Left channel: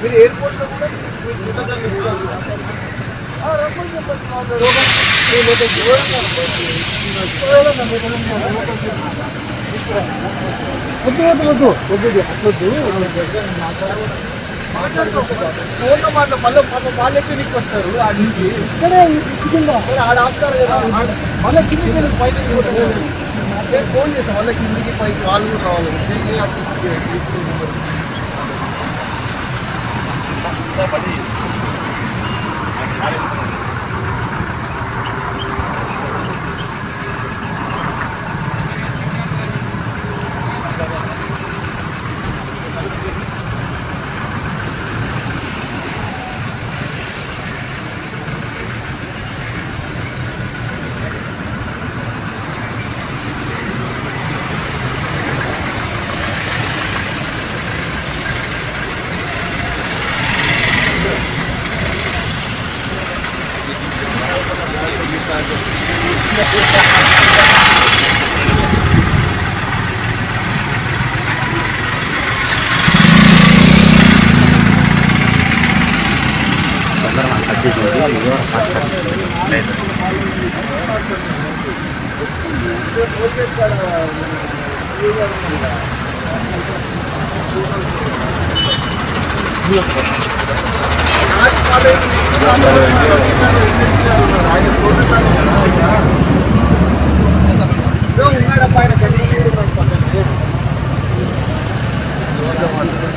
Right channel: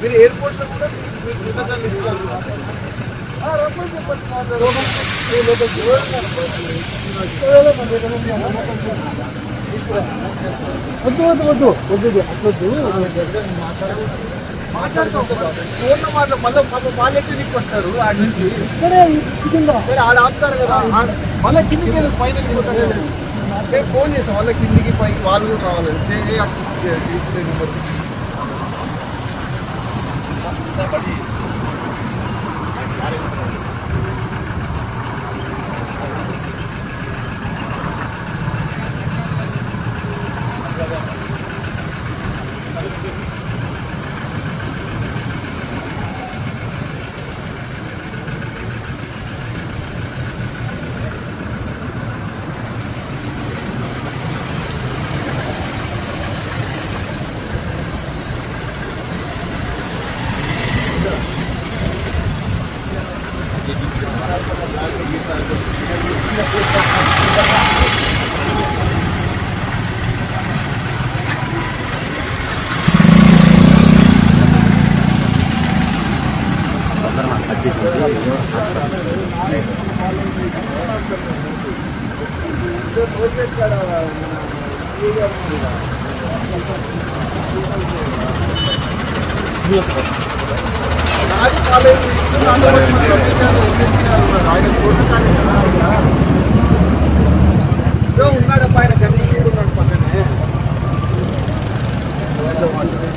మీరు ఎయిర్పోర్ట్ లో కూడా ఫోన్లో వాళ్ళే కిందికి వస్తారు ఆడ నుంచి ఆడ ఆపుతారు కదా మళ్ళీ కిందికి పైకి ఫోన్ చేస్తాం వాళ్ళ కిందికి పైకి వాళ్ళు కావాలని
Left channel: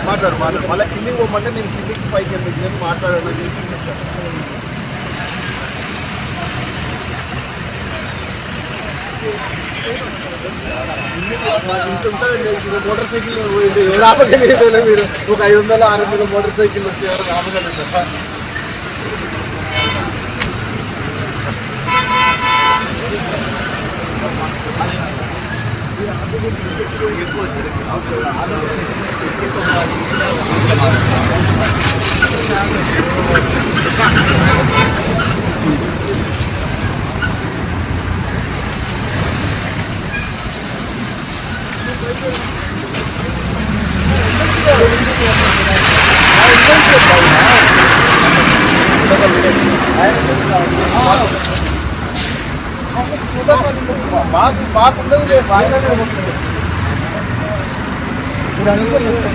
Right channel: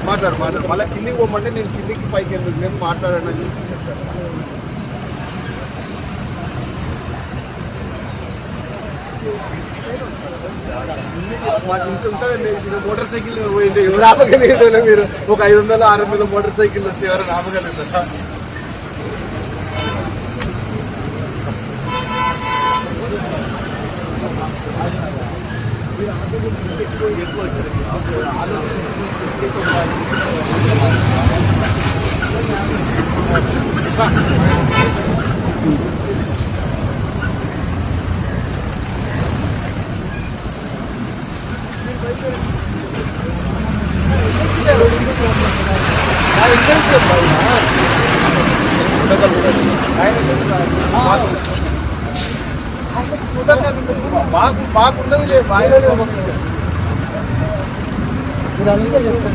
మాట్లాడు మళ్ళీ కిందికి పోమంటే నేను కిందికి పైకి ఎందుకు నేను మాట్లాడాను చెప్తాను. మాకు ఇంత ఉంటుందండి మోటార్ సైకిల్ పోయింది ఎవరు ఆపగలిగేదే మీరు ఒక 500-600 మోటార్ సైకిల్ వచ్చి ఎవరు ఆపగలుగుతారా? బాగుండదు లేదు బాగానే వస్తుంది మీరు అనుకోలేదు